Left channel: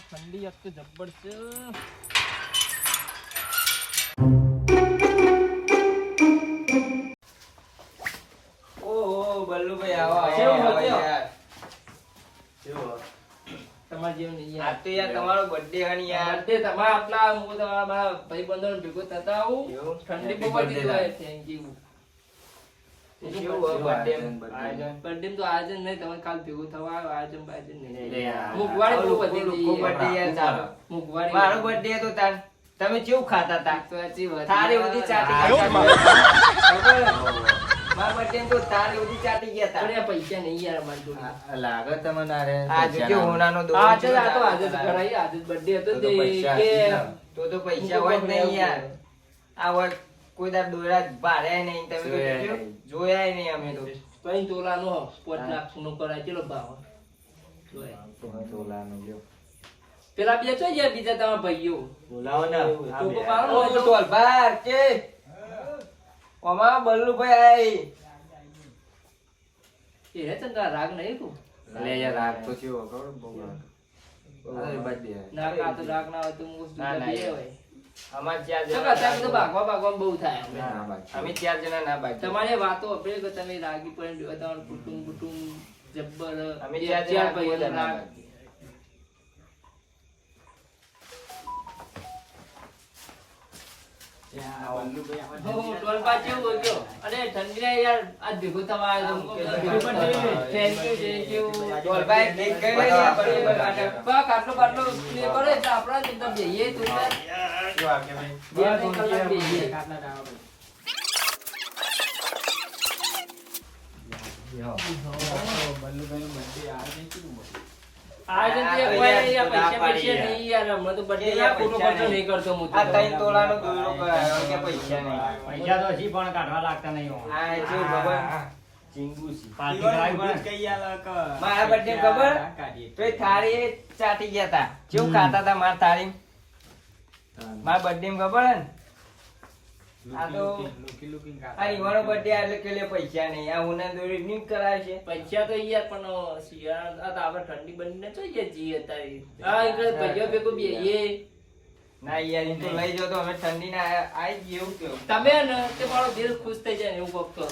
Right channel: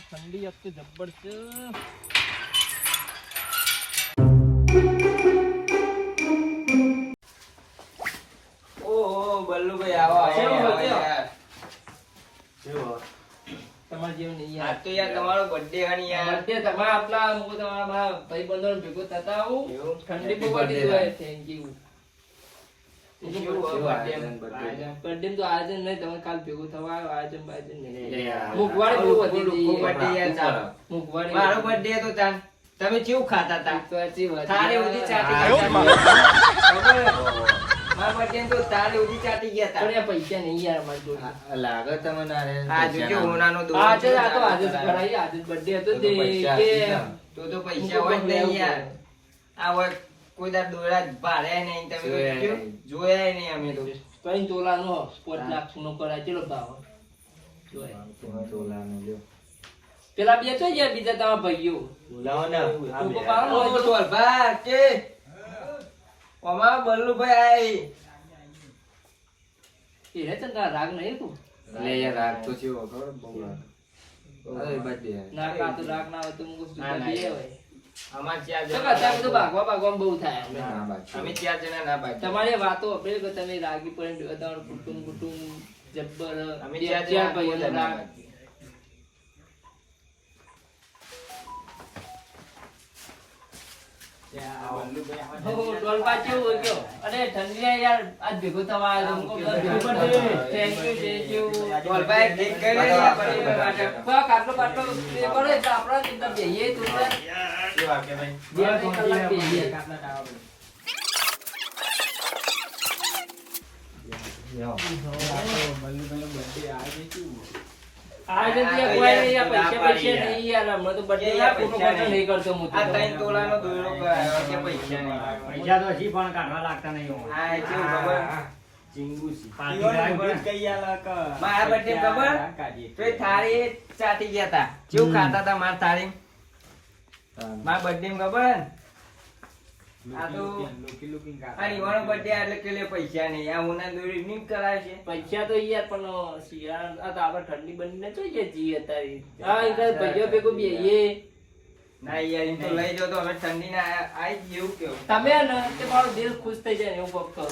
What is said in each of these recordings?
ઠંડી એક તો જબ્બર છે. ઓહો બલ્લુભાઈ આવો કેવું આવો બચ્યો? યાર. તમારા જેવું નહીં આ યાર. તો યાર તમારો બર્થડે હની યાર. birthday તમારા આપલા હું તમારા મારા ભાઈબંધો ભેગો થતા આવું. એવું? ઠંડી બહુ Happy પડી birthday ગઈ. Thank you. કેવું હોય birthday? birthday તો આયોજન નહીં, તમે કાલ ભેગું થવા આવ્યો, આયોજન બાયોજન નહીં. યાર. મોંઘવારી બહુ વધી ગઈ લોકો યાર. birthday યાર ચાલો. મોંઘવારી મારો birthday હતો તાર. તમે કેવું ખાતા તા? તો સાચી વાત. થાળી બધી ચાટી આયો ગયા જ તા. મારા birthday તો થાળી બધી ચાટી ગયા તા. પણ આ પૈસા નહીં યાર અમારી જોડે. લાગે તમને આરે આ જોજો હોનાનો દોરો આજે છે. આ તો આજે જ કરાઈ, આજે જ birthday હતો તો તે પૈસા કે તો પૈસા હોય જ નહીં યાર. આ હોય કોઈ દાડ દોરા ભાર્યા નહીં તમે તો જોયા જોયું? નહીં. જોયા નહીં અમે તો. કઈ તોલાનો 5 લાખ નો કરાય ચલો ભાવ. જોય. તોલાનો લ્યો. પેલા બે તો ગયા બીજા તમારા ભાઈઓ. બોલાવો ને આ તો બે. પાડો ઓ તો ટોલભાર કે ઓમાં બલ્લુભાઈ એ હે તને રાગ નહીં તું. લે યાર રાગ તો છે ખબર બહુ રાગ. અરે બર્થડે ના કા તો રાગ ના હોય તો હું ના, ના, દે યાર. હોય. અમાર ચાર તો કા ત્યાં તો જણા ભાગવામાં બહુ થાય. ના બાકી અમે ચાર જણા ના બાકી. તમારી વાતો આપણે કે તમે રાગી પણ તમારું કુટુંબ જબ્બર અમે બે- ચાર ચાર જણા ભાઈઓ કોઈ ના રાગ. બાકી. હો, ડોલપા કેવું હોય કયો? અરે ઠંડી યાર આજ ભેગો થવા આવ્યો તો thank you. ટોલભાઈ કેક કઈ રહી છે બલ્લુભાઈ માટે? બા, કાટલો બાટલો એ કરો એટલે આપણા ચિંતા બેહીએ તો બસ. બે ત્રણ કલાક બેહીએ. આ જગ્યાએ કોઈ યાર પૈસા પૈસા નહીં યાર, હમણાં તો birthday ના ખોટો ખર્ચો નહીં કરતો હું તો. આ 3 તોલાનો દોરો કરાયો કે પૈસા નહીં. પૈસા તો હજી પણ કાઢવા લાગતા નહીં હોય. આ એ કેવું ખબર? ચીંગુ છે. પાર્ટી મારા birthday ખબર? તો એ થાળી ચાટી ગયા તા. કેવું ખાતા તા મારી થાળી? મારા birthday માં ખબર હે ને? આ તો આ રીવાનો birthday એટલે કે લે પૈસા નહીં. આ ઉના દોરી નીમ કરાય છે. પૈસા તો યાર પણ શિયાળા આ તો આપણે ઠંડી બંને જોઈએ જી અત્યારે. હા એ કઈ ભાઈઓ ભેગું બેહીએ. ના યાર ઈ તો લઈ જાઓ તો અમે ઠંડી ના આઈ જ એવું કેવું. તમે ને તે મારો દિલ ખુશ થઈ જાય ને એવું કોક કરો.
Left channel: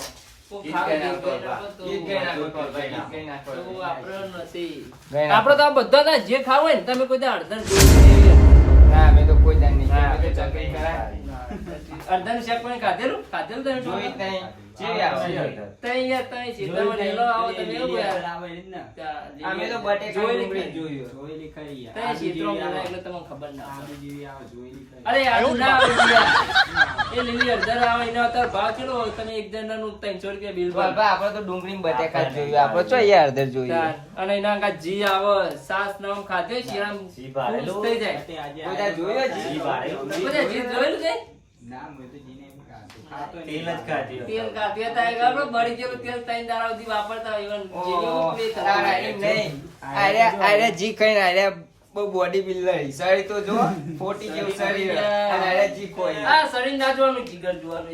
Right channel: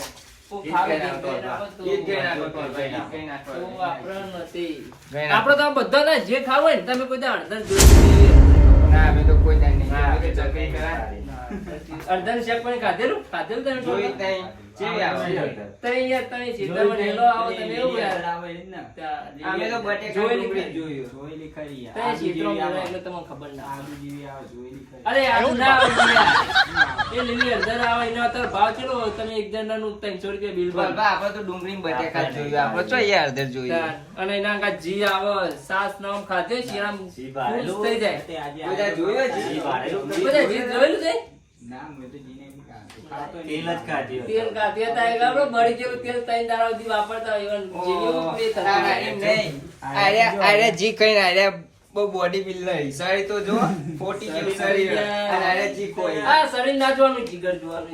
કોક ગીત ખાવે ગાઈ ગીત ગાઈ નાખો. નાખો તો ગીત ગાઈ નાખો ટોલભાઈ, ગીત ગાઈ નાખો. તો આપણે નથી. ગાઈ નાખો. આપણે તો આ બધા ના જે ખાવું હોય ને તમે કોઈ દાડ અડધા જોઈ ના અમે તો કોઈ દાન નહીં. ના, અમે તો ચકરી કરાય. અડધા શાક પણ ખાધેલું ખાધેલું જોઈ તમે જ નહીં. ચેવી આવે? તઈ યાર તમે સીતામાં નેલો આવો તમે એવું યાર અમે તો બટેકા જોયેલી ડુંગળી ખરી. જોયું. તઈ સીતરો મળે એટલે તમને ખબર ના આવે. અરે આવું ના આવે યાર. એ લીલી અડધા આવે એનો અત્યારે ભાવ કેટલો હોય? તમે એક જણાનું 300 રૂપિયા બિલ ભરો. બરાબર, આપણે તો ડુંગળી ને બટેકા જ જોયું. આપણે ચો યાર અડધર જોયું. અને એના કાંઈ જી આવે સાસ નામ ખાધે શિયાળામાં ખુશ થઈ જાય. બધા જોયું જ? બધા જી જોયેલું છે? તેલ જ ખાધી હોય. તેલ કાઢીએ તો એક આપણે બળી ગયેલું તેલ 3 દાડા સુધી વાપરતા હોય even જેવી એવું play થતું ના, હોય. એમ નહીં. આર્યા જી કઈ આર્યા બહુ બોડી બિલ્ડર શરીર તો જો 40 જેવું શરીર અને આર્યા જી કોઈ આ શરીર ના જોવાનું જીગર જોવાનું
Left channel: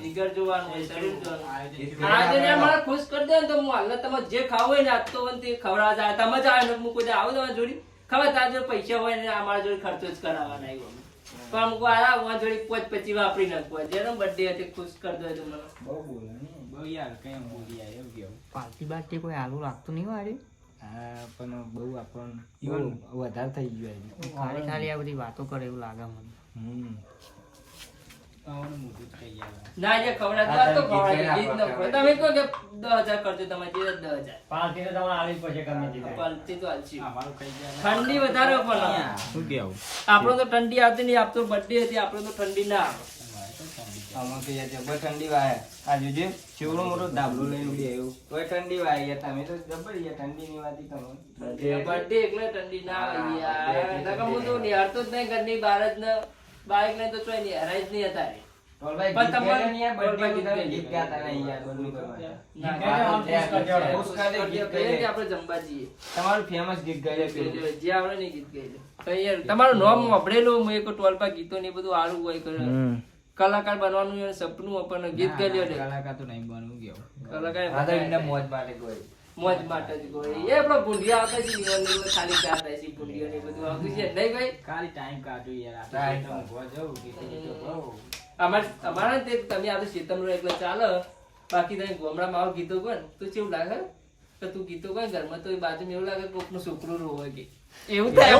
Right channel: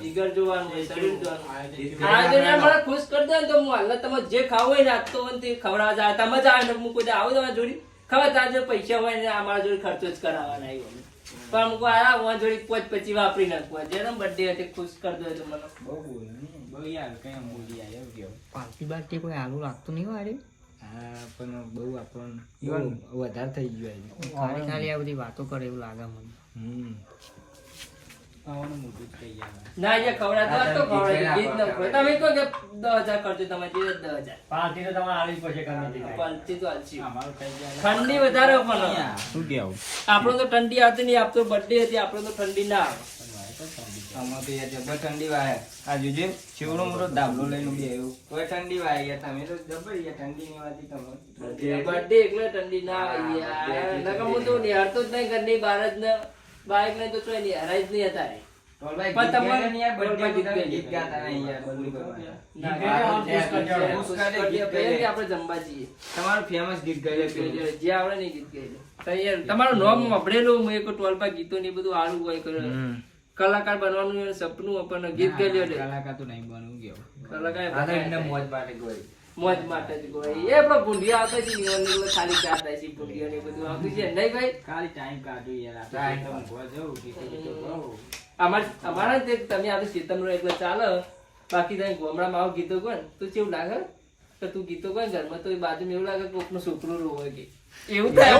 જીગર જોવાનું હોય, શરીર જોવાનું. આજે ને મને ખુશ કરી દે ને તો હું હાલ તમે જે ખાવું હોય ને આજ તો મને તે ખવડાવવા જાય તમે જ આવે ને હું કોઈ દી આવું તમારી જોડી ખબર તાર જો પૈસા હોય ને અમારા જોડે ખર્ચો જ કરાવવાના આવ્યો પણ અમુક આ હું જોડી 25 વાપરી નાખવા જેનો બર્થડે હતી ખુશ કરી દો તો મને પાર્ટી બાર્ટી કોઈ આલુ લાગતું નહીં વાળી. હા પણ બહુ આપણને બહુ વધારે થઈ ગયું ખાલી ખાલી આ બધી વાતો કરે એવું લાગે મને. ના જે ખવડાવતો હોત તો ખવડાવી દે. ગીત ન ખવડાવે. તમે કહો કે 10,000 ખર્ચો તમારે જે 10,000 પાર્ટી તો તમારે આલી જ પડશે ગમે તે થાય. પાલતી તો હાલશી. ઠંડી વધારે પણ શું કેવું? આપણો તો ઠંડી આવતી નહીં આપતો બર્થડે હતી આપણે તો ઠંડી ના આવે આમાં તો યાર જબર ઠંડી વાય આ જોજે ચેવડો મોટો ડાબલો લઈને ઉડી આવ્યો તોય ઠંડી વાય ગયા તમે તો જબર યાર ઠંડી ની વાતી તમે બર્થડે એટલે ઠંડી ના આવે યાર નકર હું તો નિહાળતો જ નહીં ઘરની બહાર જ ને બાઈક ને તો ચોય નિહાળે જ નહીં હતા રે. ટોલભાઈ પણ ગીત તમારે- ગાઈને યાર birthday ગીત તમે ગાઈને. ગીત ગાતા નહીં યાર બધું કરવાનું. ના, ગીત ગાઈને ખુશ કરી દે. ખુશ કરી દે, ગીત કહીએ ગાઈ કે દે. આપણે જમવા જઈએ તમારું ફેમસ ગીત ગાઈ દે. જે આવડે ને એ ગીત ગાઈ દે. કઈ યાર તમારું નામ વાપરેલું હું એક ટોલપા ગીતો ને એ બધું આડું હોય કલાકાર બનવાનું સપનું આપણને ગીત ગાઈ લે કલાકાર તો નહીં બનવું ગયો કલાકાર દાદા એમને મોજ માટે ગયો મોજ માટે જ કોઈ એ પણ ભૂંડિયા આવતા છે ઈવન ખાલી ચાર થાય છે ભૂંડિયો ને બધું આવતું છે નહીં ભાઈ ખાલી ટાઈમ કાઢું યાર આપણે ઊંઘવા જવું કે અમારા તે તમે આ તો ચેતન એટલે ચાલે બાકી તમે ગામડામાં આવો ગીતો કોણ તો કેવું લાગે કે તું ગીતો કોણ ઘરમાં તો બાજુમાં એવું લાગે કોકનું છોકરું રોવે કે એવું થાય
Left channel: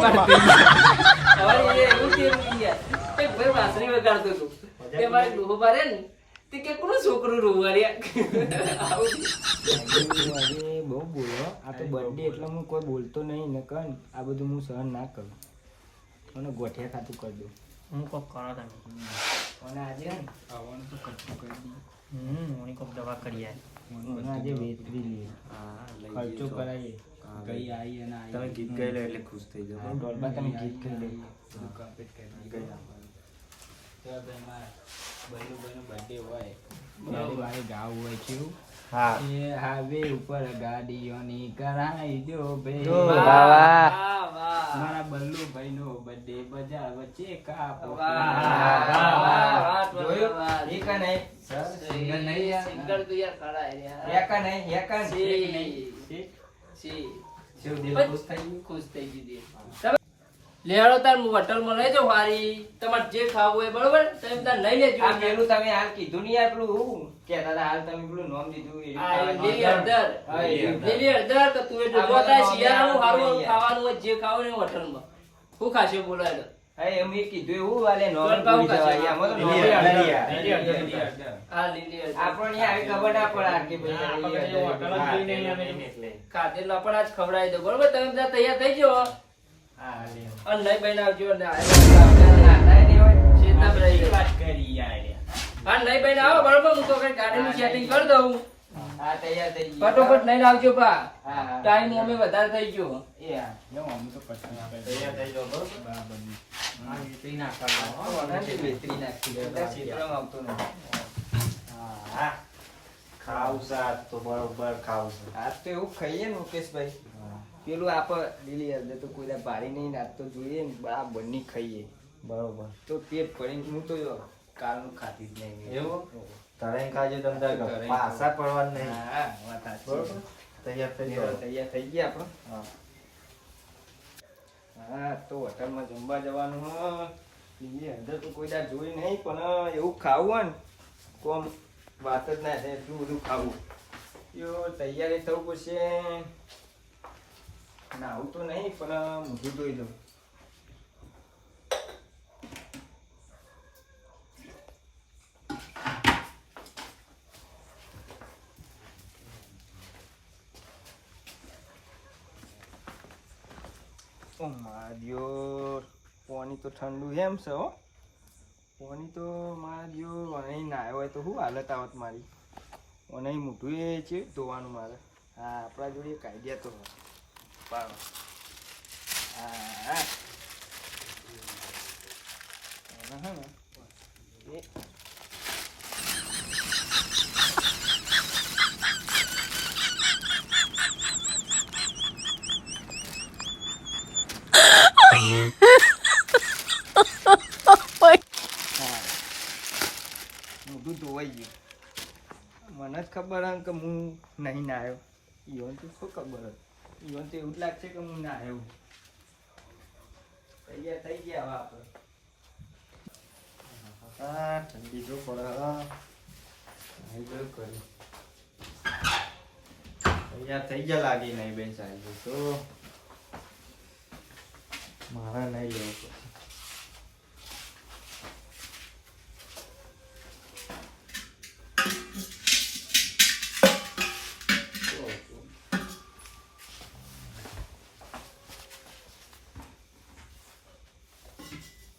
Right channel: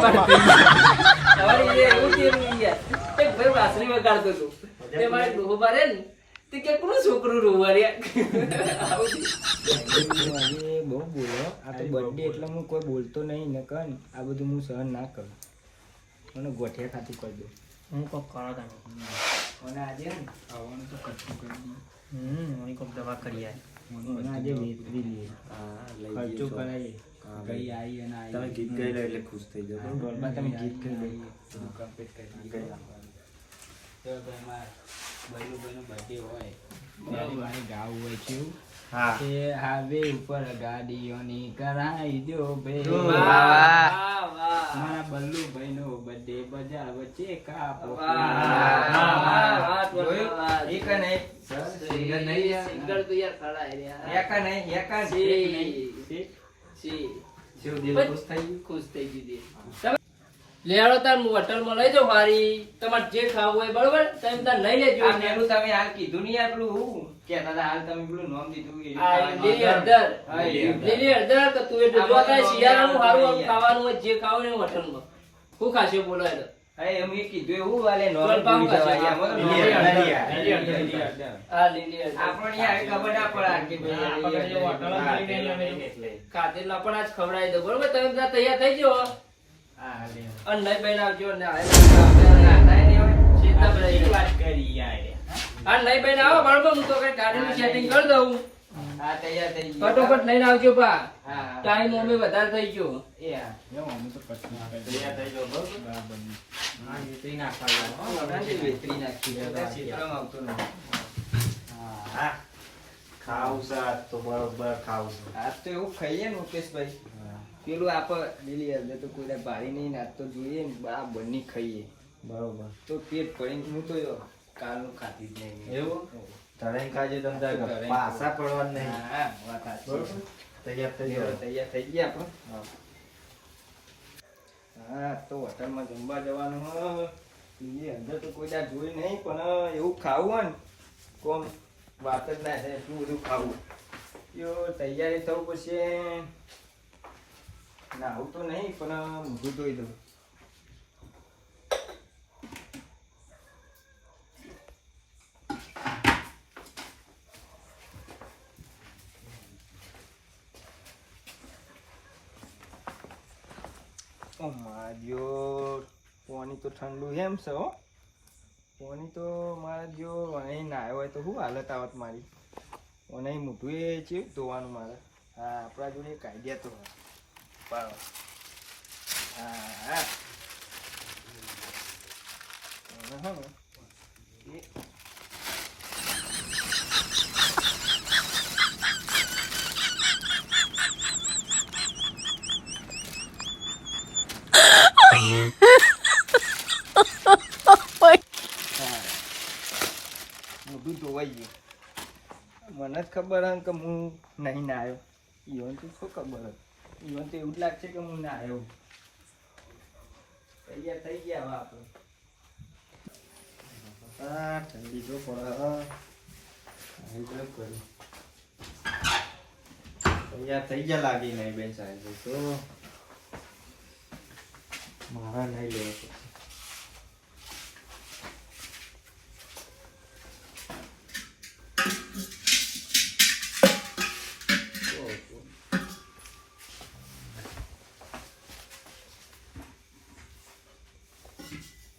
તમારે એવું કેવું યાર એક ભાઈ વાસરી વગાડતો હતો તે મારે ડોહો પારે ને તે કે કોનું છોકરું રોવે આવું આજે બહુ બોલો આ તો બર્થડે એટલે હું કોઈ બોલતો નહીં ને કન આ બધું હું સહન ના કરું મને ગોઠિયા ખાતું કરી દઉં હું કોક કરો તમે અને આજે ને આવવાનું તો કચ્છું કરી દઉં હું કોક દવા કરી મને આજે વેતરી લઈએ ખર્ચો કરાવીએ ગઈ આવી અને તમે ગીત ગાઈ લો એટલે ખુશ થઈ જાઓ બરોબર તમે ગીત કરી લઈએ કમ્પ્લીટ કરી લઈએ ભાઈનો બર્થડે હોય ત્યારે મારે ગાવું હોય છે હા એ હાઈવે ઉપર ગાડીઓની કરાઈ દો ભાઈ વાહ વાહ મારા બલ્લુભાઈનો બર્થડે બજાર વચ્ચે કાપો જોયું? એક નહીં સિંગર નહીં યાર. સિંગર તો યાર ખરા હે યાર. એક નહીં એક સી. સી. શિવ દિલ ખુશ થઈ ગયું ખુશ થઈ ગઈ દે. તમે લેવડો તાર હોટલમાં લઈ જાઓ વારી તમારે જે ખાવું હોય બરોબર તમે તાર લઈ લેજો આ પેલું તમે હાલ કીધું નહીં આટલું હું કહેતા હતા હાલ તમે પેલું નામ દીધું એ આ લીલી હળદર હા, એ લીલી હળદર કે તું એટલે જો તારે શિયાળાનું સારું ખાવાનું હોય જે ખાવું હોય હોટલમાં હું ખાશે બોલો એટલે હા એમ એ કીધું એવું વાલે નોમ ગરબા ભૂલી જવાય. ખાશે. આમાં તો લીલી નોમ હળદર. લીલી હળદર. આ લીલી હળદર આપણને આવી ખબર ના પડે કે ભાઈ લીલી હળદર. ખાધેલા પણ આજ ખવડાવી દો બરોબર તમે બધા તૈયાર થઈ જાઓ હા, લે. અને નહીં બનાવજો ને આટાય નહીં હોય. શેતા ભરાઈ ગઈ. વાત કરી યાર. હા નહીં બને આવો બરોબર હું તો કઈ ગાડીનું સેટિંગ કરી દઉં હા, તૈયાર થઈ ગયું. ફટોફટ લઈને આવજો બા હા, હા. ટાઈમ અમે વધારે થઈ ગયો એ હા. જો અમે તો પછી તૈયાર થઈ જાઓ બરોબર બરાબર. હા એ તો નાખવાનું વગરથી વેતરી નાખી દે. બધા ક્ષેત્રમાં આવતો નથી. હા ખાવું છે આજ તો બરોબર ખાવું છે આજ તો એવું ખાઈએ ને મુકેશભાઈ પેલું આપણે લીલી હળદર તો કોઈ ભારી નહીં આજ તો જોઈએ ને બરાબર ની ખાઈએ બરોબર તો પેટ ભરીને હું તો કાલનું ખાતી જ નહીં એવું? તળાઈ ખાજો તમે તારે પાછા પડવા નહીં હા વાત સાચી. બરોબર તૈયાર થઈ લેવા જાઓ તૈયાર થઈ ગયા આપણે હા હા તો હોટલમાં જમવા જવાનું હોય લીલી હળદર તો કોઈ દાડ જોઈ નહીં પણ એવું ખાવું હોય ને તો આમ વાત જ ના થાય એટલું બધું ખાવું યો તૈયારી થવું પડશે ના આવું તો નહીં પણ મોઢું ધોઈ દઉં ઓ મારા દિયોર પાણી તો ઠંડુ એમ છે હો પાણી તો મારા દિયોર અહીં નાયો હોય તો શું હાલત આવત મારી અને મોઢું એ છે ધોવાનું મારે હા આપણા જોડે એક આઈડિયા તો હોય પાડો હા હા અને હે ને એ મોઢું ધોવાઈ ગયું મને જ ખબર હે કે હું નહીં ના આવ્યો ઈવન તો શું ખબર હે ઈવન તો એવું જ લાગશે કે હું ના આવ્યો તૈયાર થઈ ગયા હવે આપણે હા ઠંડી જો પડે અહીં તો કર્યું તૈયાર થઈ ગયા લાગી નહીં બેન સાહેબ તો મારા નહીં લેવું પડે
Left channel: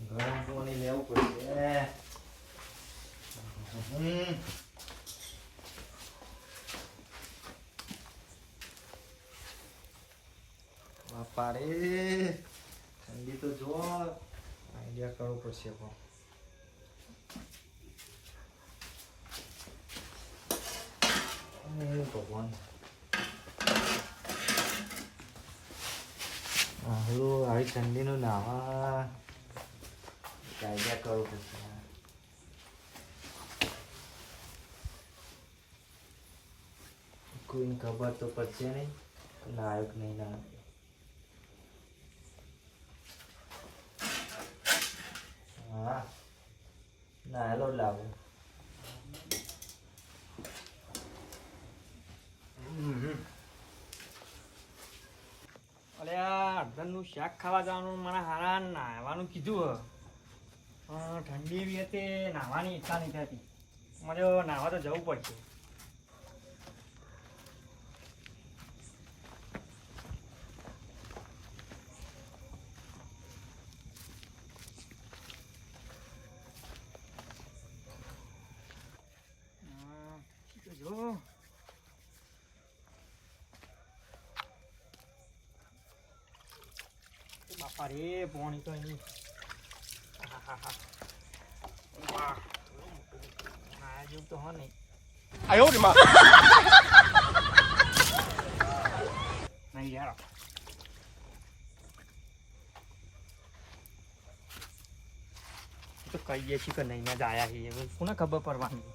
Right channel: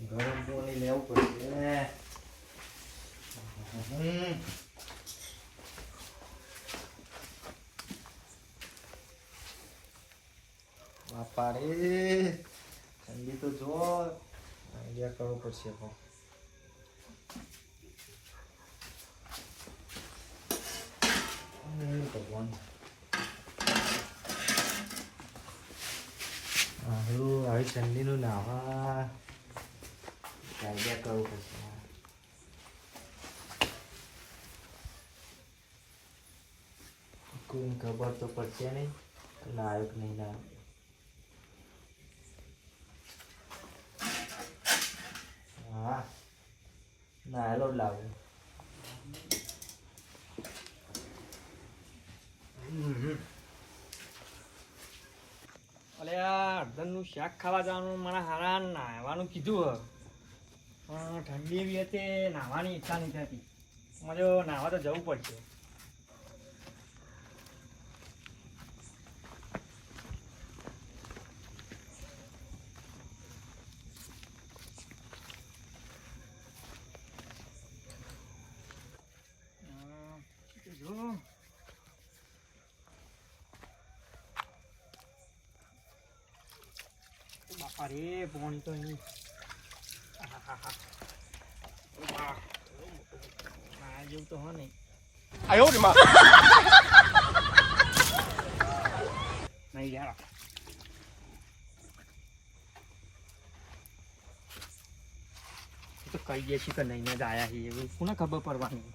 ગરમ પાણી લેવું પડશે બાપા રે ઠંડી તો જો આઈડિયા કરવો પડશે પણ ભગવાન આવી ઠંડીનું નાવા આઈડિયા કરવું પડશે કોઈને ખબર તો પડશે નહીં નાયક નહીં નાયક. હા નાયેલો જ લાવું. અલે આ અડધનનું શાક ખાવા જવાનું મને હારા નાહવાનું કીધું પણ ઠંડી એવી હતી નાહવાની ઈચ્છા નહીં થતી. મને નાહવા તો જવું પડશે. જો બાપા રે પાણી તો અહીં ના જેવું તો હો નહીં. નહીં યાર તો કહીએ છીએ કે નહીં જ આયા છીએ હવે કોને ખબર પડવાની.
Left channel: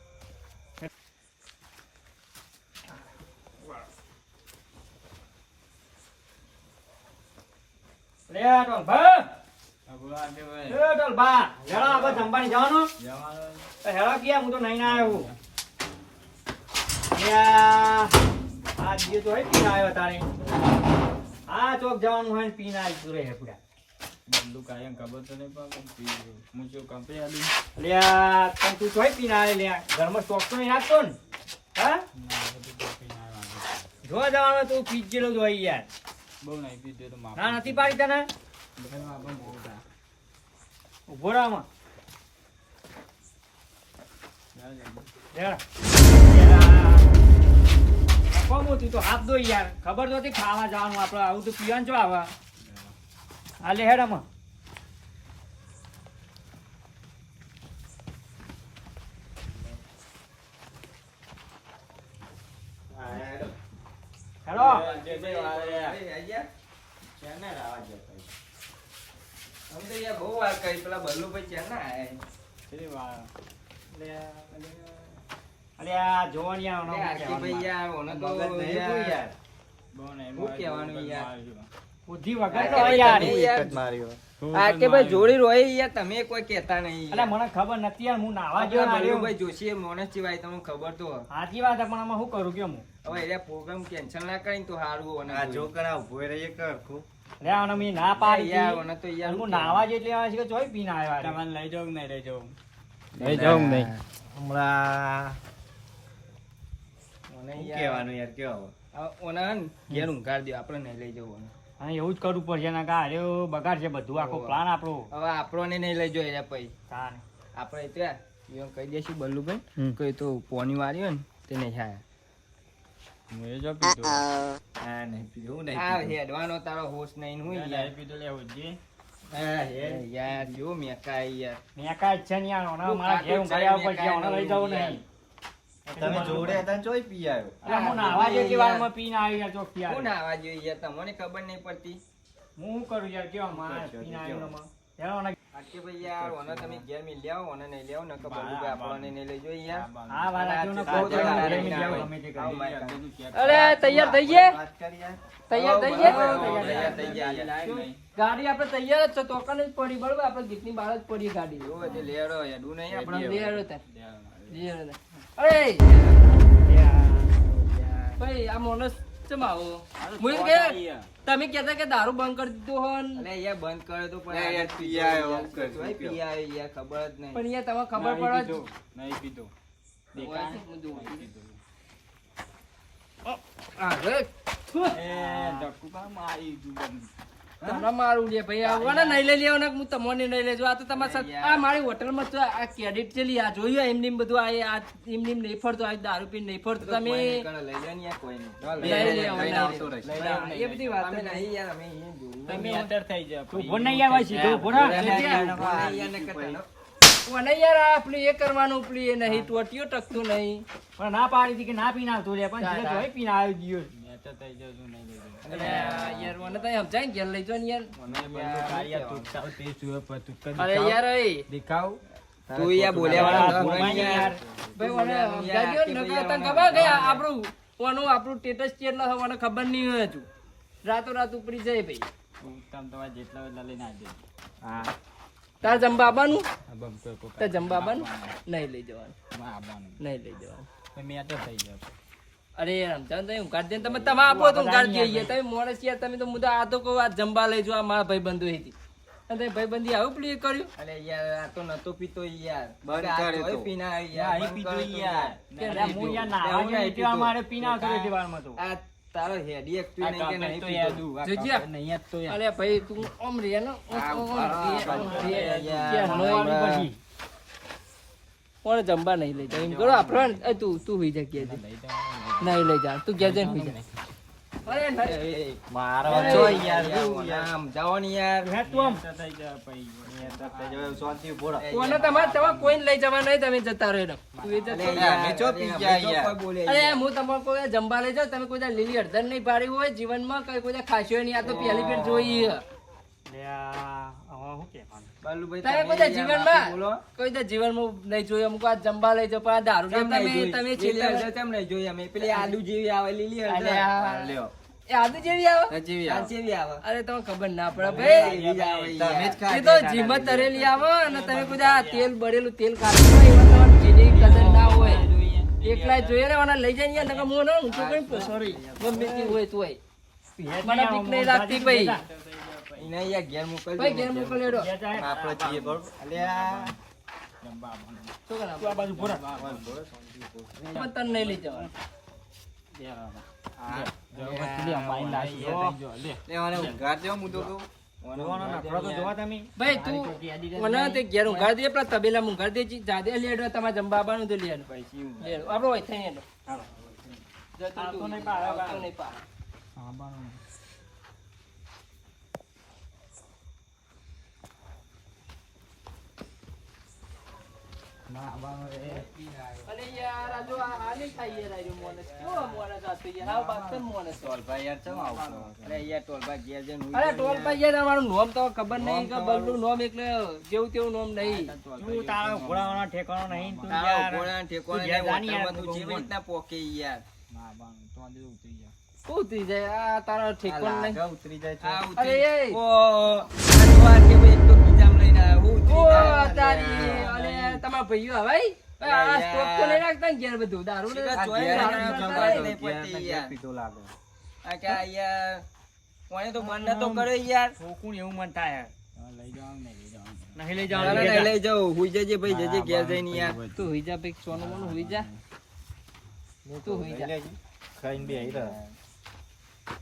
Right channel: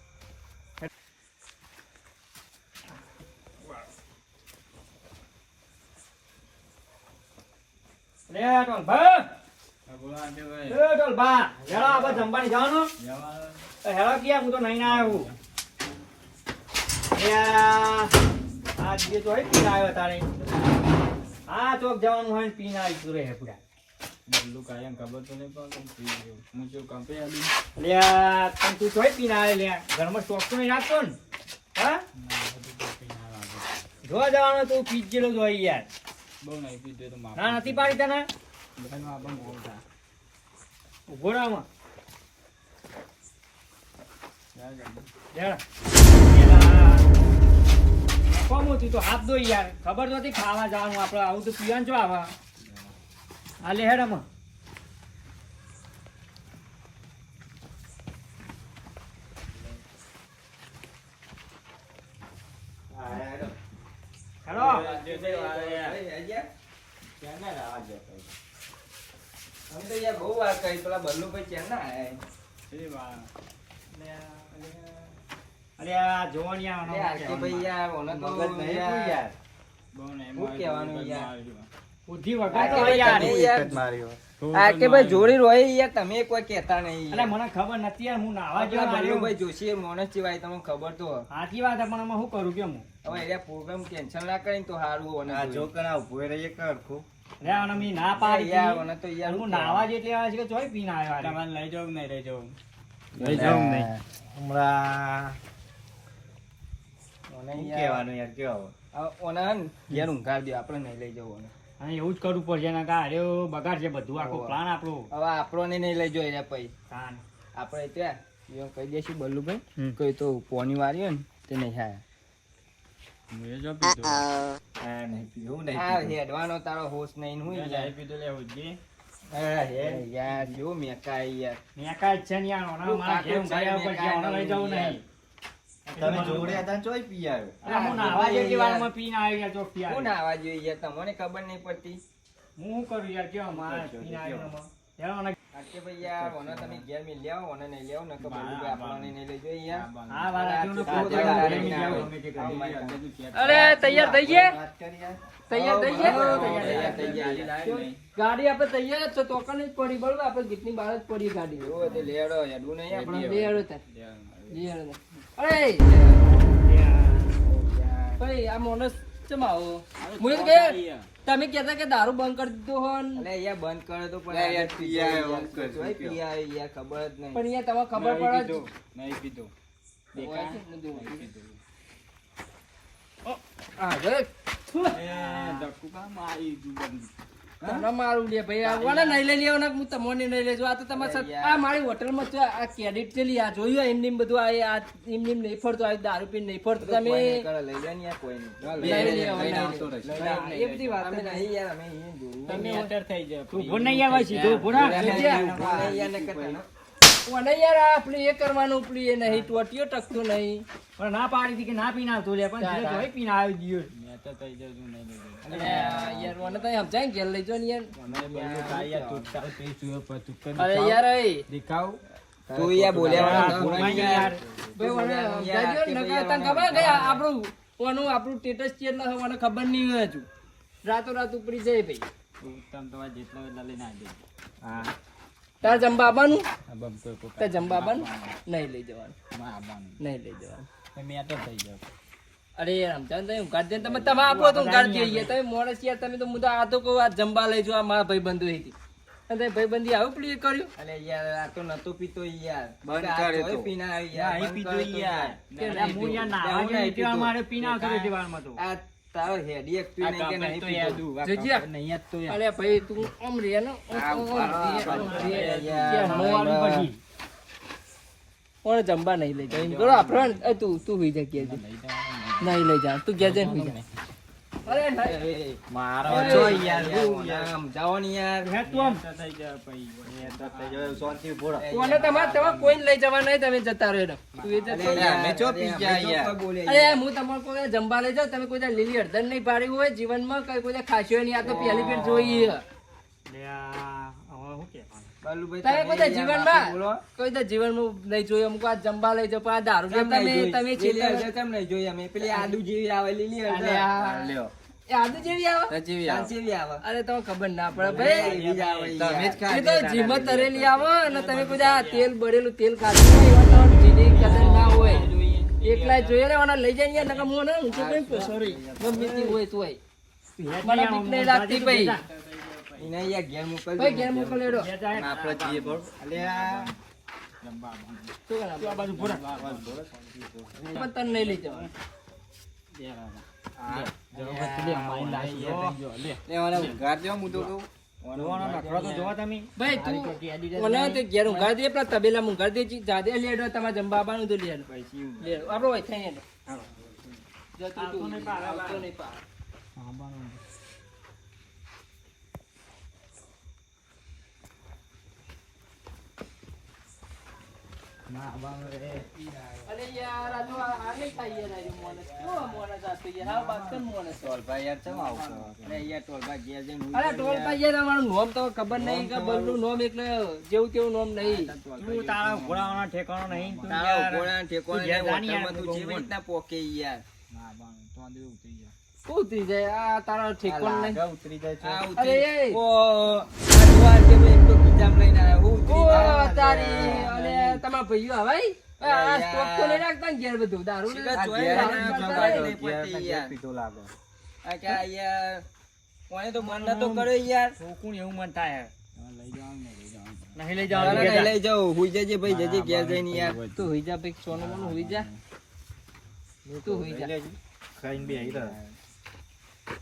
લે ટોલભા એ ટોલભા હેળા આપણે જમવાની જવાનું હેળા ક્યાં હું તો નહીં ના આવ્યો. આ દીએ તો પીને આવ્યો તારે આ ચોક જવાનું હોય ને પીને આવી રહે પૂરા. બધું કાયમ ખબર તો નહીં પણ હું જો કંપે આલી લે તને તું ચોય પીને આવે લે ઘરમાં સ્ટોક તો નહીં રાખતો ને હા જોવા જવાનું તું પીજ જેલો જોઈ યાર. બહુ નહીં પીધું તો માપ ના નથી પાડી તને ઉભો રામાં કોમ તું તો હાથ દો યાર ખબર નથી ખાવા જવાનું આપડે આવું તો પીવાનું છો આવા આ લે હેડ આમાં બહુ વાર કરી પેલા બલ્લુભાઈ ચેન ના અરે આ જોવણિયા બહુ નહીં શું કહેવાનું યાર? બુદ્ધિ વગર તો હોય યાર. જોડી રોય યાર તમે કોઈ કહેતા નહીં અલે મને ખબર નથી યાર હું નાવા પેલા ગયો બલ્લુભાઈ જોશી મોનસ સિવાય તમને ખબર તો સાચી વાત છે, પણ આમાં શું કરું કે હું હવે એટલે પ્રોગ્રામ કેન્સલ ના કરીને તો સારું આ જો કરા ઉભો રહીએ કરખું રે આને મેં ના પાડી યાર હતી. મને તો યાર હું નાવા જેટલી આવે છે કે ચોય પીને આવ્યા રે. તમારે લઈ જાઉં નહીં લઈ જાઉં લઈ જાઉં નહીં હમણાં મને શું યાર કહેવાનું યાર કેવો ઓને હે ને ઘેર ઊંઘાડ દો આપણે નહીં લઈ જવું હા એવું જ કરવું પડશે ને કા અરે બગાડ છે બધું આખો પ્લાન આપણો હવે આપણને નહીં લઈ જવું એટલે પછી તાને. આપણે ત્યાં એવું કહી દઈશું બલ્લુભાઈ હમ. કોઈ તો પોની વાળી હોય ને તે નહીં આયા મેં જો પીધું હા નહીં પીધું હું નહીં આ પીધું. હેડવાનો તારો હોશ નહીં હું યાર નહીં પીધું લેવું જ હા, યાર જો મેકા યાર મેં કાંઈ જ છે નહીં આનો. તું મારા ઘેર ખાતો ઊંઘાઈ જ આવવા મેં પડશે. આને લઈ જવું યાર. નહીં. તમે જોડે હતા ને ચોય પી આવ્યો અરે હું નાવા જેટલી વારમાં પીને આવી યાર ચોકથી હું આવી. નાવા જોઈએ યાર તમને ખબર નહીં પડતી હું શું કરું યાર કેવા મારે પીને આવ્યો એમાં. યાર આને- આટલે ભાઈ યાર ઓને તમે ઘેર મિલ લ્યાવો ઓને નહીં લેવો નકર બલ્લુભાઈ આપણને નહીં લઈ જોઈએ યાર આ વાત આ આટલું આ નથી આ બોલતો. આ ગમે આ તે આ કરી. આ અરે તૈયાર થઈ ગયા વાત કરી યાર તૈયાર થઈ ગયા તૈયાર થઈ ગયા ગાડી આપણે તૈયાર જ છે તોકન જ પડી બરોબર આપણે ગીતની બહાર જ પડી ગાડી જો તે લેડો હેડું નહીં આપણે આપણે લેડો તાર. લેડો તાર. અરે ભાઈ આ મોનસ કેમ આવો હું એમ કે તમે કહેતા કે દારૂ બંધ કરી દીધો હોય ને. અલે યાર બંધ કરે તો પણ યાર આદત પી આવ્યો, યાર. કરશું તોય પીઓ. પી આવ્યો યાર ખબર જ નહીં પણ યાર તમને ખબર પડે જ. નહીં પીધું હોય છે, હું જોઉં. હા બસ ધક્કુ કામ આવી ગયું તમને મારું લે ભાઈ આવો ને નહીં લઈ લેવાના હું તમને નહીં લેજો આ તો તમારે સાથે આ મારી હોટલમાં છે આ ક્રેડિટ ચેલી આ જોયું એમની બધું આ એમની નહીં ફરતો આ દારૂ પીને નહીં ફરતો તમે કોઈ નહીં કરે, લઈ લે ને યાર કોઈ નહીં. લઈ લે, લઈ લઈ લે, આવતો રહીશ. લઈ લે, એ બધી વાત અમે જ નહીં યાર અમે નહીં જોયું. તમે અત્યારે થઈ જાવ તું ભૂલ નહીં આવે સીધું ભૂલ હા. અમે લઈ લે. યાર ને કરતા ન. મને યાર આ પેલું એ કરવાનું પેલું એ નહીં ટોટીઓ ટકતું નહીં પણ ના પાડી હતી કે ના પીને આવતું લે પણ ધીરે ધીરે પીને આવી ગયો. મેં તો થઈ જાઉં છું નહીં લઈ જાઉં અને યાર મને તો સમજાય ને ઘેર લઈ જાઓ ને યાર અરે યાર એ દેખાવ તું યાર બોલ્યા વાળા ન. બોલાય નહીં યાર. ભાઈ મને યાર, સમજાય દ્યો ને, નકર તને ખબર કે આપણું ઓનું આપણું સ્ટેટસ કેટલા હોય મને ખબર નહીં હોય હજુ રાતો રાત ઉપરી જાય ભાઈ ઉત્તમ તો જેટલા એટલા લઈને આવી દેજો. હા તાર જમવા આવવાનું આ બમતો કોક તાર જમવા આવવાનું નહીં લઈ જવાનું માં આવવાનું. નહીં લઈ જવાનું મેં તો થઈ જાવ. અરે યાર સમજાવ તમે ઊંઘાડ દે તમે તમે આપો તો ઊંઘાડ દઈએ તમે મોડસ યાર તમે તો મુદ્દા આ તો કહું આ જમવા લઈ જો આ મારા ભાઈબંધો હતી અને તમે ભાઈબંધી આવું પ્લે કર્યું અરે યાર આ તો નતો પીતો યાર બંધ આ કરે તોય તો. પીને આવ્યો યાર, યાર અહીં બંધ પીતો કરે તો યાર. યાર. યાર, હું યાર નાહવા હું નહીં નહીં પીવા, પીતો. મારે પીને આવતું રહેશે વાળમાં તો. આ તારો હેડી એક પી આ નહીં કે કાપડ નહીં તો પીતો. યાર દું, આ જોજે. કાપડ નહીં યાદ તો યાર. અરે ભાઈ તું ઓમ રે ને કોણ જમવા નહીં લઈ જાય કરો આપણે તું હુઈ જા કે નહીં લઈ જા તું ઘેર જઈને હુઈ જા અરે નહીં. મારા જો જો યાર યાર હું આમ જાઓ ને યાર હે તું આમ. શાંતિ ઉભો રહો. કોને તમારે કોઈને લઈ જવા નહીં તમે જતા રહો તું એ જતો અરે રહે. યાર, અમે ચો પી ગયા અમે તો યાર. કોઈ બોલે અરે યાર. હું તમારે કોઈ જમવા લઈ જાઉં તમે કોઈ દાડો લીલી હળદર નહીં પાડી હોય જીવનમાં કઈ કોઈ દાડો ખાશો નહીં આ તો પહેલી ફેર જોઈ લે આ, હવે શું કહેવાનું? બાલુભાઈ, તમે કોઈ દાડો યાર માફી બોલો. જીવનમાં કોઈ દાડો જીવનમાં નહીં જોયું અમુક આ જમવા લઈ જાઓ પણ આ દારૂ કેમ નહીં જોઈ? તમે લીલી છેલ્લે હળદર કેમ નહીં જોઈ અમે? પેલી આદુ જેવી આવે લીલી હળદર. અલ્યા. લ્યો. એ આદુ જેવી આવે આ જેવી આવે. અરે તમને ખબર ના પડે ભાઈ એવી જ આવે તમે જ યાર. એ તો જીમત તરેલી આવે અને તમે કોઈ આ તેલ બળેલું તેલ ખાતું હોય એવા તમારે જીની કદર ના હોય એકલા જોઈએ ને ઓના લઈ જાય નકર હું ને ઊંચો કઈ સોરી ગમે તે હોય તો હોય મને બીક નહીં લાગતી ભાઈ એને યાર ઘેર મોકલજો. ભાઈ ઘેર મોકલેડો આપણે જઈએ બરોબર. અલ્યા, શું કરા બાજુ ભોરા પણ તને નહીં લઈ જવાનું લે મને ઊંઘાડ દો હું તો કહું. જોવાનો નખરો તો જોવા તમે. ભાઈ તું મને તે ઘેર ઊંઘાડી દે પેલા તબેલા ઊંઘાડી દે જાદે લેડો તમારે જમવા આવવાનું તો લેડો લેડો આપણો હોય થઈ હેડો જતું તું નહીં પાડ અરે યાર આ જો આ નહીં થાય યાર આ જો મોને કેવો મોને જાતો યાર આ બાત કેમ મોને છે? ટોલભાઈ યાર ચમ આવશો? અરે યાર ટોલભાઈ ઘેર જઈને ઊંઘી અરે જાય ટોલ યાર. ભાઈ યાર અમારું નોમ તો ખબર નહીં કે બલ્લું નોમ એટલે જેવું તેવું નોમ નહીં તું તારા ઘોડાવાળા ઠેકાણો નહીં. તું તારા યાર. ઘોડાના ઠેકોણે તું ઘેર નહીં, જાની યાર, હોટલમાં તું તું જેવી રીતના પોકે યાર. શું થઈ જાય આ તારા ઠેકોણ નહીં લાગે ઉતરી જાય છે. આ અરે ઉતરી- એ. ઓ, આ જોવા કે ભાઈ એક તો ગીજામ લઈને આવ્યો. હું ઉતરી ઓ જાય. તારી અને તમારા ભાઈઓ હવાઈ આ સ્ટોક તો નહીં રાખતા ને ઘેર બધું દારૂ ને શીખા દારૂ જોઈ દારૂ રહ્યા કરતા ખબર રહે. નહીં પડતી યાર. પીતો લાગે. આ કે આ યાર કોણે તો મન નતો કર્યો યાર. કોકું એવું મન થાય. નહીં લઈ ચાલો જવાનું. ને લઈ જાઉં. હુઈ જજે ભાઈ, જજે ઘેર જઈને યાર. તું હુઈ જા ભાઈ સોનું મોનું હુઈ જા તું હુઈ જા ખાઈને બે આવી રહ્યા.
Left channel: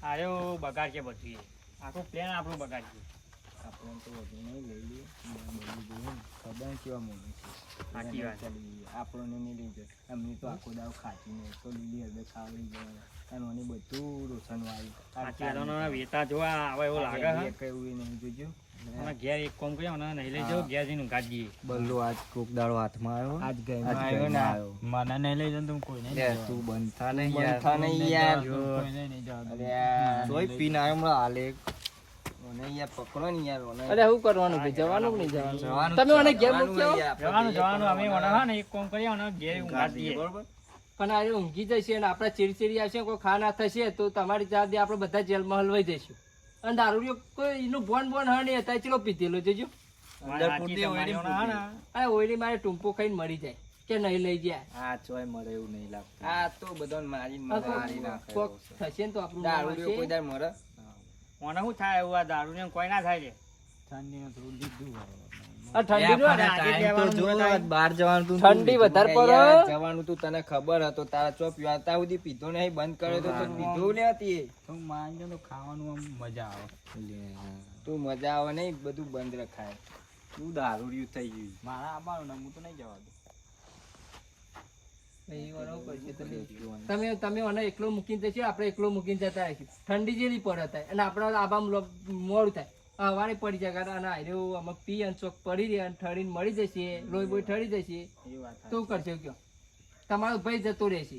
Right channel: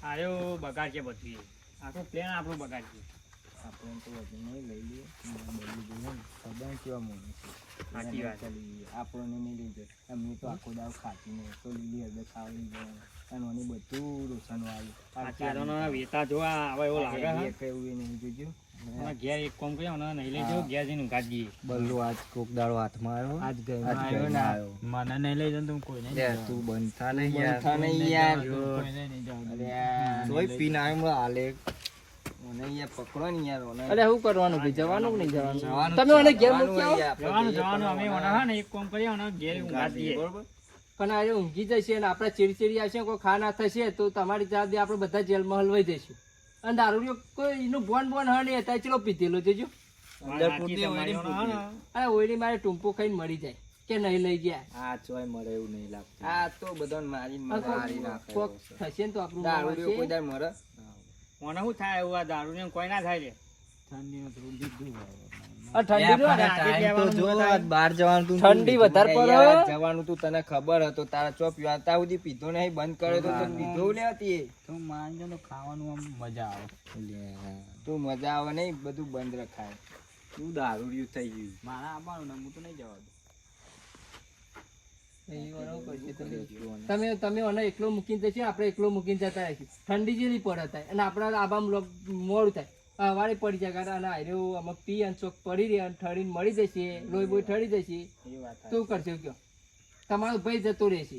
આયો બગાડ છે બધી. આખું પ્લાન આપણું બગાડ છે. આપણે તો વધુ નહીં લઈ લઈએ. બધું જોઈએ ને. ખબર કેવા મોડું છે. સાચી વાત. આપણને નહીં લઈ જાય. અમે તો આખો દાવ ખાતી નહીં તો લીલી હળદર ખાવા લઈ જવાના. અને મને બધું રોશનું આવ્યું. સાચી વાત. અને વેતા જોવા હવે એવું લાગે હે. એક એવું નહીં જોજો. અને ઘેર એક કામ કર્યો ને નહીં લઈ જાઓ, ઘેર જઈને ઊંઘાડી દઈએ. બલ્લો આજ કોક દાડો હાથમાં આવ્યો. આજ ગઈ આજ આવ્યો ગઈને ને. આવ્યો. મને નહીં લઈ જાઓ તું કોઈ નહીં. લે, તું બંધ થા નહીં યાર. થા નહીં યાર. અરે આ તોય પીને આવ્યો હમણાં હાલે. મને યાર પકડો ને યાર મને. અરે શું કરવાનું ભાઈ જવાનું કે નહીં જવાનું જવાનું તમે મને ઘેર જવાનું મૂકી આવો હોય યાર. જવાનું અમે ઓના ને એક કામ કર્યો ને ઘેર ઊંઘાડી દઈએ. બરોબર. પણ આજે ઊંઘી જશે અને આપણે ચીડચીડી આવશે કોઈ ખાના થશે તો તમારી જાતે આપણે બધા જેલમાં હલવાઈ જઈશું અને દારૂડિયો કોઈ એનું બોન બોન હા નહીં હતા ચલો પીધેલો જોજો અંદર પૂરતી તમારી ઓયડી ઓના પૂરતી. હા ને. અરે ઓયડી મારે ટૂંપો ખાઈને મરી જાય કે નહીં લઈ ગયા આ ચોય મળે એવું નહીં લાગતું. આ તો બધાને મારી મારી નાખે. કોક થશે ને તો આપણું નામ દારૂડિયો કોઈ હશે. દાડ મરે. ઓને શું થાય એવું આ દારૂ ને કોઈ ના થાય લે. આ ઠંડીનું આપણે આ આજે ટાઈમ તો જો, આજ બહાર જવાનું તું ઠંડી વધારે અરે પડે યાર, જવાનું તું તને ખબર હતો તારા ચો પીવા ત્યાં સુધી પીધો નહીં બંધ કર્યો તો તને પીધો લે હતી. તું માનજો તો ખાવાનું આમ મજા આવે. તું મજા આવે નહીં બધું બંધ રખાય. તું દારૂડિયું થઈ ગયું. મારા આવવાનું ને હું તો નહીં જવા દઉં. એ વરાવું પડશે તમે તમે મને એકલો મૂકીને જશો આપણે એકલો મૂકીને જતા રહીશું ઠંડી જેવી પડે થાય અને આપણે આબા મોડું થાય હવારે પડી જાય અને આર્યો આમાં પી અને ચોક પડી રહે અને ઠરીને મળી જશે લોહી બોઈ ઠરી જશે એ વાત શું કરશો કયો તમારો ભાઈ જતો રહેશે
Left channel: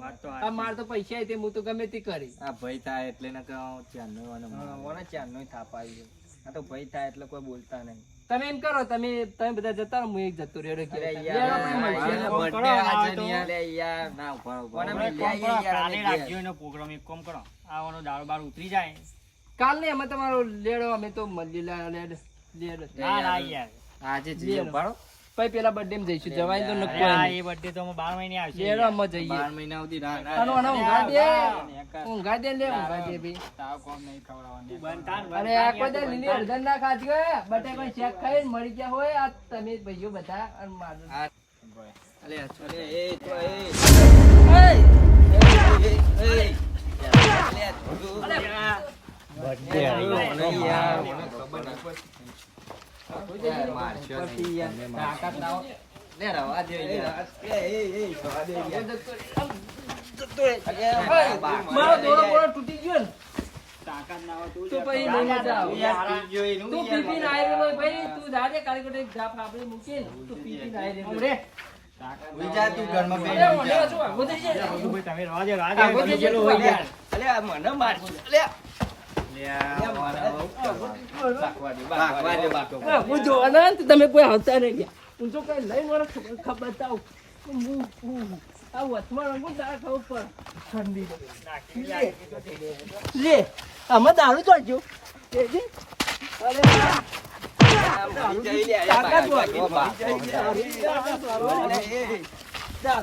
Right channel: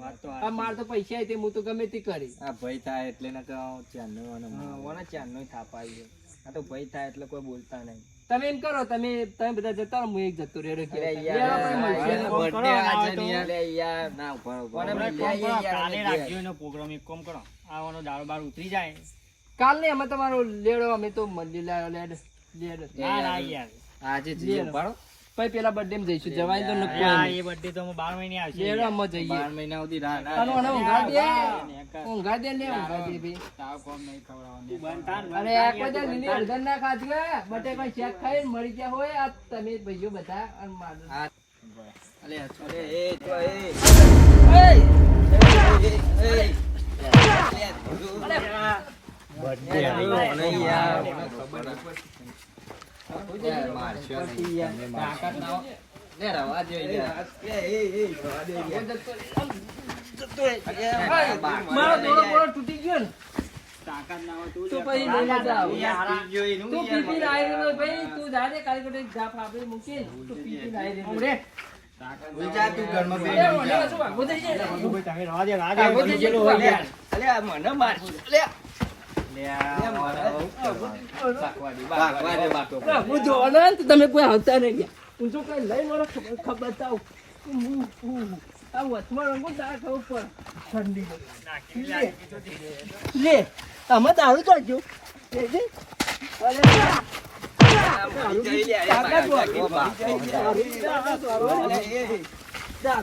વાત તો આ માર તો પૈસા આય તે હું તો ગમે તે કરી આ ભાઈ થાય એટલે ને કહું ચાંદનો અને હા, ઓને ચારનોય થાપ આવી ગયો. આ તો ભય થાય એટલે કોઈ બોલતા નહીં. તમે એમ કરો, તમે બધા જતા રહો, હું એક જતો રહ્યો. અરે લેડો, આપણે મળીએ. યાર, કોમ birthday કરો, આજે આ તો. નહીં યાર. અરે યાર, ના, ઉભા રહો, ઉભા રહો. તમે મને કોમ લઈ કરો, આવીએ યાર, કાલે અમે રાખજો એનો પ્રોગ્રામ. એક કોમ કરો, આવવાનો દાળ બાર ઉતરી જાય. કાલ નહીં, અમે તમારો લેડો, અમે તો લીલા લેડ. ના ના યાર, આજે જઈએ, ઉભા રહો. પછી પેલા બર્થડે માં જઈશું, જવાય તો નક્કો આ નહીં. એ birthday તો અમે 12 મહિને આવશે. લેડો અમે જઈએ. 12 મહિના સુધી ના, ના, આનો આનો ઊંઘાડી દે, નેકર. ઊંઘાડી દે, લે ઊંઘાડી દે ભાઈ. તાવ કોમ નહીં ખવડાવવાનું. તું બંધાન, અરે આ કોઈ દા લીલી હળદર ના ખાધી હોય, બટાકા શેક ખાઈને મરી ગયા હોય, આ તમે ભાઈઓ બધા અને મારું. આ. અલે, અરે, એ તો, એ. એય! અલે, ધ્રુવ. અલે, birthday આવ્યો, મને યાર, મને ખબર નહીં પડતી. યાર, મારશો નહીં. યાર. તાકાત ના હોય. લે, રવા દે યાર. રવા દે યાર. મારો દોરો બોરો તૂટી ગયો ને, તાકાત ના હોય તો પછી લઈને જાઓ. જોઈને તું પીપીને આઈ રહ્યો ભાઈ, તું જાજે કાલે કડે જાપ આપણે મૂકીને, તું પીપીને આઈ રહ્યો. ઉમરે. જા તું ઘરમાં બેસી અરે, જા. ઓલે શું આગો થઈ જાય? ભાઈ, તમે રવા દે, રવા આગો દે. થઈ જાય, હોય યાર. અલે, આ મને મારશો. અલે, હું જોવાના ને તો તમે કોઈ આવતા નહીં ગયા. હું જો કઈ લઈને મારો ખબર બતાવું. આ વચમાં રંગો તારે ખબર પડે. ઠંડી લે, આમાં દારૂ ચાલજો. અરે દારૂ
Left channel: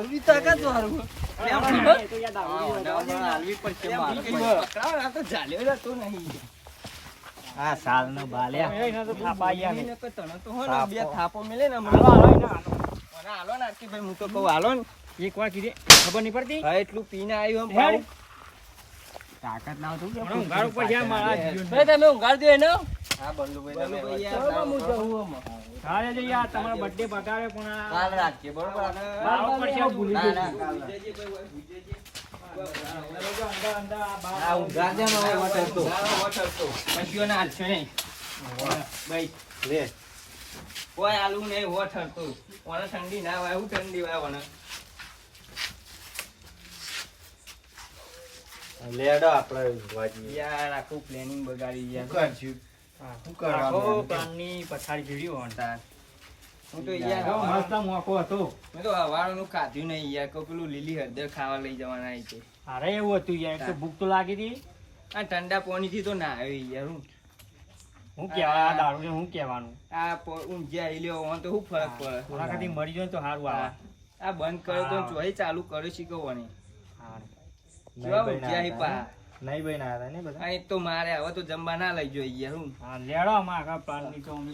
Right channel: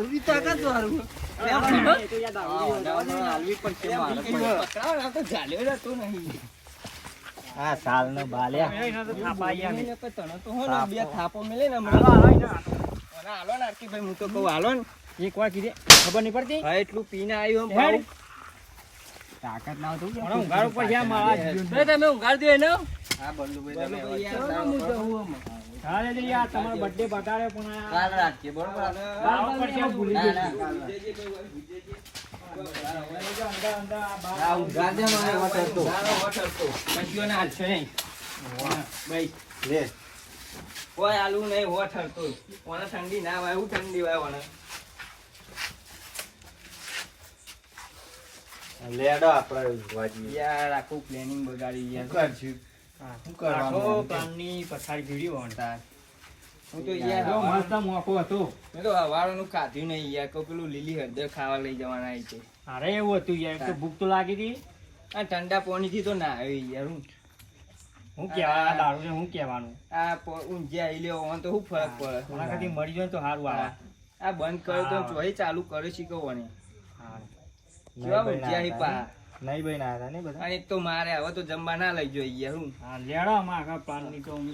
ની તાકાત વાળું. આ સાલ નો બાલ્યા એને તો થાપા આયા ને. બે થાપો મિલે ને હમણાં હાલો ને આરતીભાઈ, હું તો કહું હાલો ને. એક વાર કીધે ખબર નહીં પડતી. હા, એટલું પીને આવ્યું હેડ. પાછું. તાકાત ના હોય તો મને ઊંઘાડ ઉપર જ્યાં મારા હાથ ગયો. તમે ઊંઘાડી દો એને. હા, બલ્લુભાઈ, તમે હું યાર જાઉં આમાં. હાલે તો યાર તમારો બર્થડે બગાડે પણ આ કાલ રાખીએ, બરોબર? બાર ઉપર છે, ભૂલી ના, ગયો. ના, કાલ રાખીએ. આ ઉઘાડ દે મને વોટર તો. કશીઓ ના હાલશો નહીં. ભાઈ, લે કોઈ હાલવું નહીં, હોઠ હરતું. ઓને ઠંડી ના વાય, હું ઠંડી વાય ઓને. લેડો આપણે વાજી યાર, આખું પ્લાનિંગ બગાડી યાર. કરશું હા. શું આખો કરવાનું પ્લાનની પછાડી ભીડી હોય. તાર. હું તો જો યાર મસ્ત મોકો હતો. મેં તો હવારનું ખાધું નહીં યાર. કોઈ પેલું લીલી હળદર ખાવા લઈ જવાના આવી છે. અરે એવું હતું યાર, એક તો ભૂખ તો લાગી હતી. આ ઠંડા પાણીથી તો ના આવી યાર. હું કહેવા આ દારૂ ને હું કહેવાનું. ઊંઝિયા આઈ લ્યો ઓન તો શું ફરક પડે? ઓના ખાતી મરી જાય ને તો સારું આવે. આ બંધ કર્યો તો ચોહી ચાલુ કર્યો શીખવવાની. હા. કેવા ઊંઝિયા હી પા. નહીં ભાઈ ના હતા ને બધા અને એક તો મારે હવે તો જમવા ના લઈ જોઈએ યાર. હું હા, લેડો આમાં આગળ પ્લાનની તો અમે